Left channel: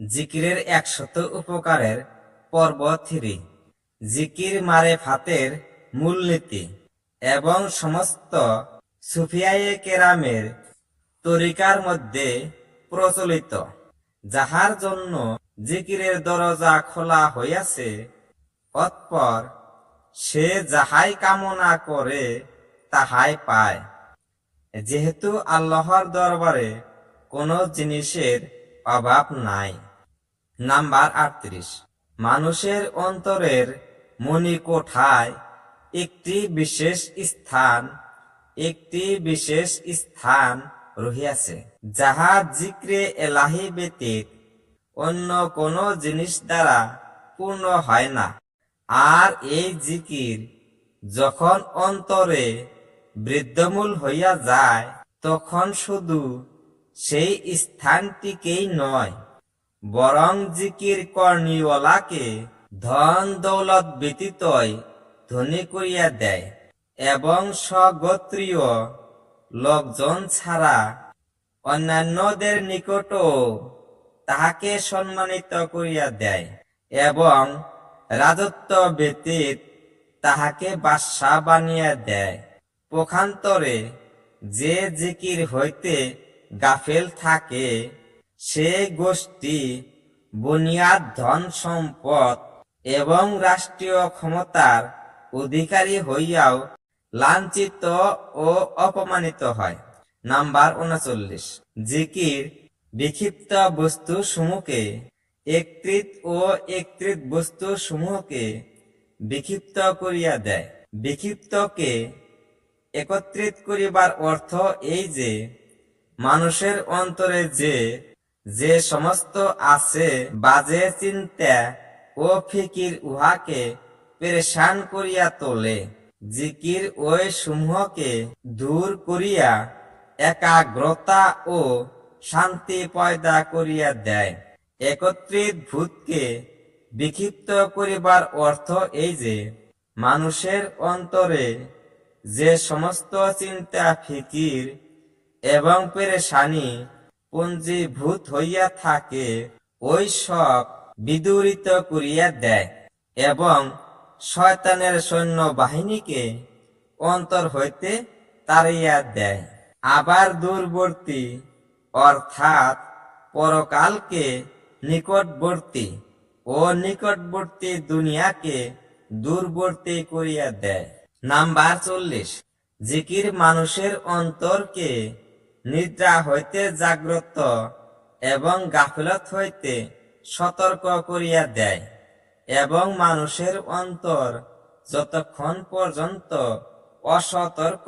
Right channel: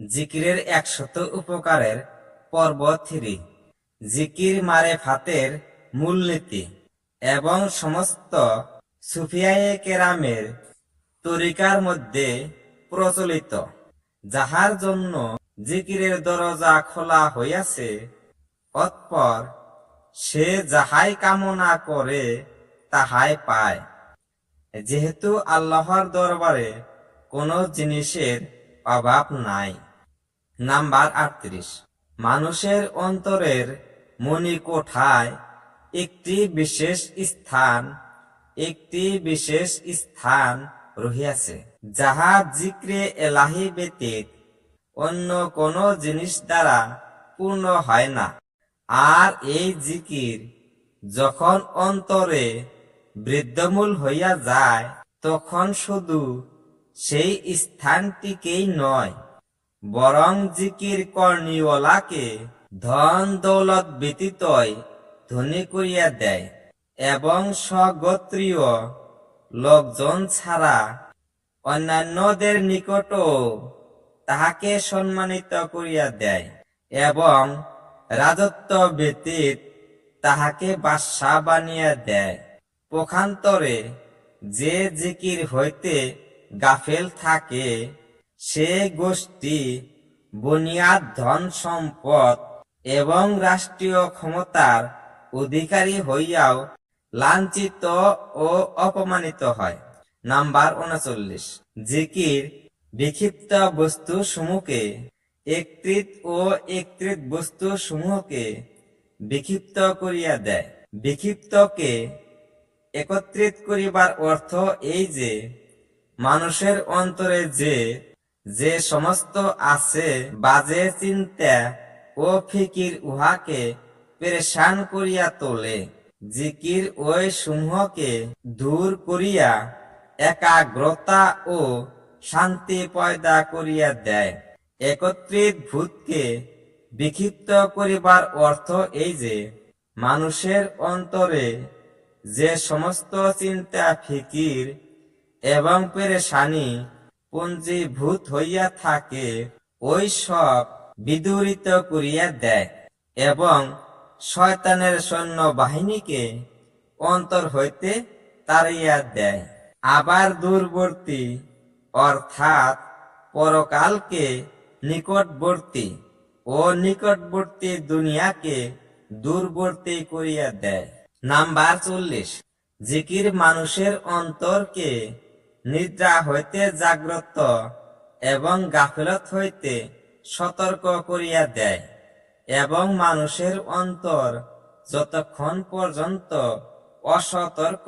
জিকিরের 100 উপকারের পর্ব 3। জিকির মারেফাতের মূলনীতি এবং সমস্ত সুফিয়ায়ে কেরামের তরিকার মধ্যে প্রচলিত, যাহার জন্য জিকিরের দরজা খোলা হইয়াছে, অতঃপর সে যাহাই কামনা করে তাহাই পায়, যেহেতু আল্লাহর দরবারে কোনো জিনিসের অভাব নাই। নাম্বার 38। মানুষের অন্তরের মণিকোঠায় একটি বিশেষ স্থান রহিয়াছে, যাহা জিক্রে এলাহি ব্যতীত অন্য কোনো জিনিস দ্বারা পূর্ণ হয় না। আর এই জিকির যখন অন্তরে বৃদ্ধমূল হইয়া যায়, তখন শুধু সেই স্থানটিকেই নয়, বরং জিকির কর্ণীওয়ালাকে ধন দৌলত ব্যতীতই ধনী করিয়া দেয় এবং স্বগোত্রীয় লোকজন ছাড়া অন্যান্যদের নিকটও তাহাকে সম্মানিত করিয়া দেয় এবং রাজত্ব ব্যতীত তাহাকে বাদশা বানিয়া দেয়। পক্ষান্তরে যে জিকির হইতে গাফেল থাকে, সে গোষ্ঠী বুনিয়াদ ধন সম্পদ এবং রাষ্ট্রীয় ক্ষমতার অধিকারী হইয়াও লাঞ্ছিত ও অপমানিত হয়। নাম্বার 39। জিকির বিক্ষিপ্ত বস্তু সমূহকে একত্রিত বস্তু সমূহকে বিক্ষিপ্ত করিয়া দেয়। বিক্ষিপ্তকে একত্রিত করিবার অর্থ এই যে, মানুষের অন্তরে যে সমস্ত আছে বাজে চিন্তা ও ফিকির উহাকে পেরেশান করিয়া তোলে। জিকির ওই সমূহকে দূর করিয়া একাগ্রতা ও শান্তি পয়দা করিয়া দেয়। একত্রিত ভূতকে বিক্ষিপ্ত করিবার অর্থ এই যে, মানুষের অন্তরে যে সমস্ত চিন্তা ফিকির এবং পেরেশানি পুঞ্জীভূত হইয়া থাকে, ওই সব বিদূরিত করিয়া দেয় এবং শয়তানের সৈন্য বাহিনীকে অন্তর হইতে তাড়াইয়া দেয়। আবার দূরবর্তী অর্থাৎ পরকালকে নিকটবর্তী ও নিকটবর্তী দুনিয়াকে দূরবর্তী করিয়া দেয়। নাম্বার 40। জিকির মানুষের অন্তরকে নিদ্রা হইতে জাগ্রত এবং গাফিলত হইতে সতর্ক করিয়া দেয় এবং মানুষের অন্তর যতক্ষণ পর্যন্ত অসতর্ক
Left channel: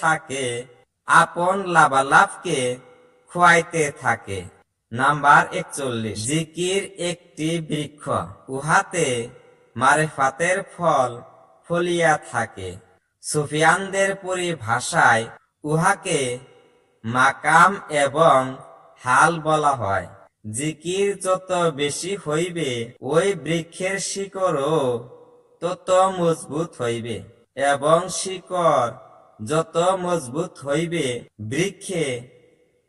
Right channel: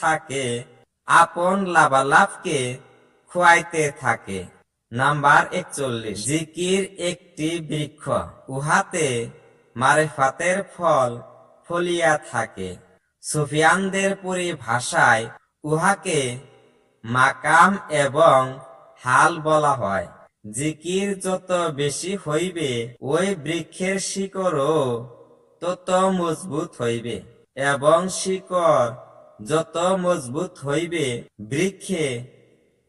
থাকে আপন লাভালাভকে খোয়াইতে থাকে। নাম্বার 41। জিকির একটি বৃক্ষ, উহাতে মারেফাতের ফল ফলিয়া থাকে। সুফিয়ানদের পরিভাষায় উহাকে মাকাম এবং হাল বলা হয়। জিকির যত বেশি হইবে, ওই বৃক্ষের শিকড়ও তত মজবুত হইবে এবং শিকড় যত মজবুত হইবে, বৃক্ষে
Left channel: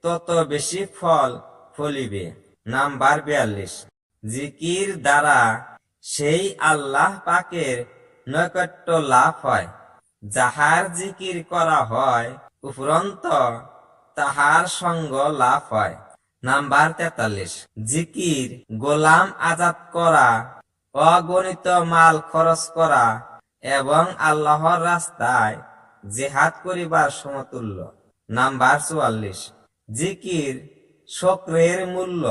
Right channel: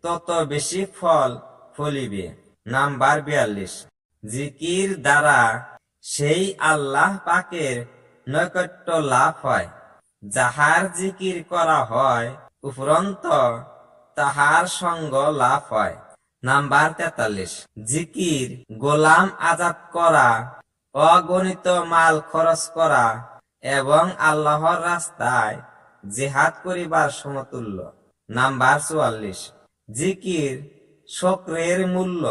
তত বেশি ফল ফলিবে। নাম্বার 42। জিকির দ্বারা সেই আল্লাহ পাকের নৈকট্য লাভ হয়, যাহার জিকির করা হয়, উপরন্ত তাহার সঙ্গ লাভ হয়। নাম্বার 43। জিকির গোলাম আজাদ করা, অগণিত মাল খরচ করা এবং আল্লাহর রাস্তায় জিহাদ করিবার সমতুল্য। নাম্বার 44। জিকির শোকরের মূল্য।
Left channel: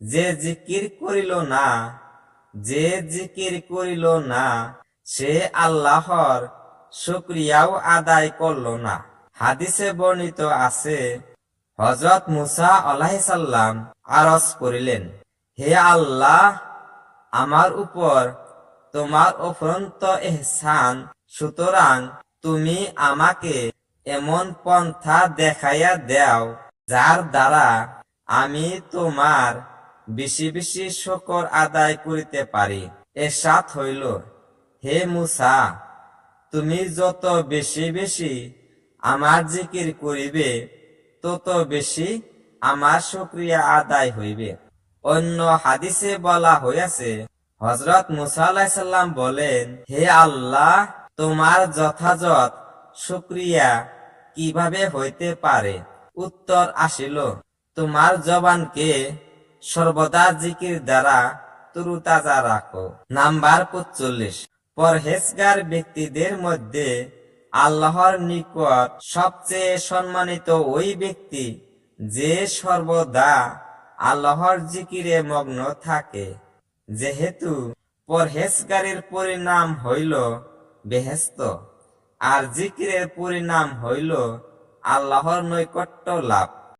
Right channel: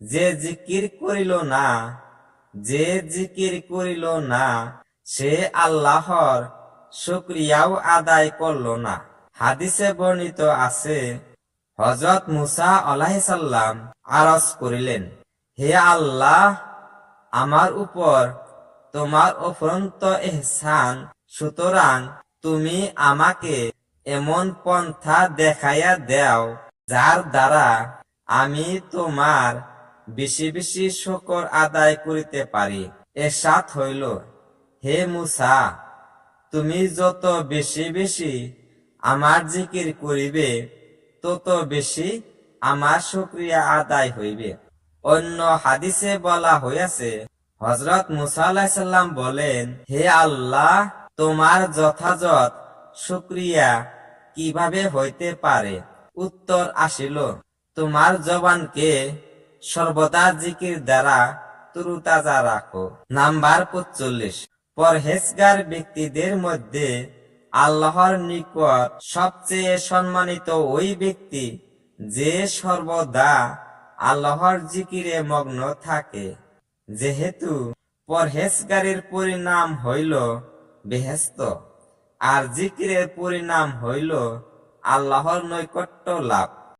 যে জিকির করিল না, সে আল্লাহর শুকরিয়াও আদায় করল না। হাদিসে বর্ণিত আছে, হযরত মুসা আলাইহিস সালাম আরজ করিলেন, হে আল্লাহ, আমার উপর তোমার অফুরন্ত ইহসান, সুতরাং তুমি আমাকে এমন পন্থা দেখাইয়া দাও, যার দ্বারা আমি তোমার বেশি বেশি শুকর আদায় করিতে পারি। এরশাদ হইল, হে মুসা, তুমি যত বেশি বেশি আমার জিকির করিবে, তত বেশি আমার শুকরিয়া আদায় হইবে। অন্য হাদিসে বলা হইয়াছে, হযরত মুসা আলাইহিস সালাম বলেন, হে আল্লাহ, তোমার যথাযথ শুকরিয়া কিভাবে হইতে পারে? উত্তর আসিল, তোমার জবানকে সর্বদা জিকির দ্বারা তরুতাজা রাখো। নাম্বার 45, পরহেজগার ব্যক্তিদের মধ্যে আল্লাহর নিকট সবচেয়ে সম্মানিত ওই ব্যক্তি যে সর্বদা আল্লাহর জিকিরে মগ্ন থাকে, যেহেতু পরহেজগারের পরিণাম হইল বেহেশত, আর জিকিরের পরিণাম হইল আল্লাহর নৈকট্য লাভ।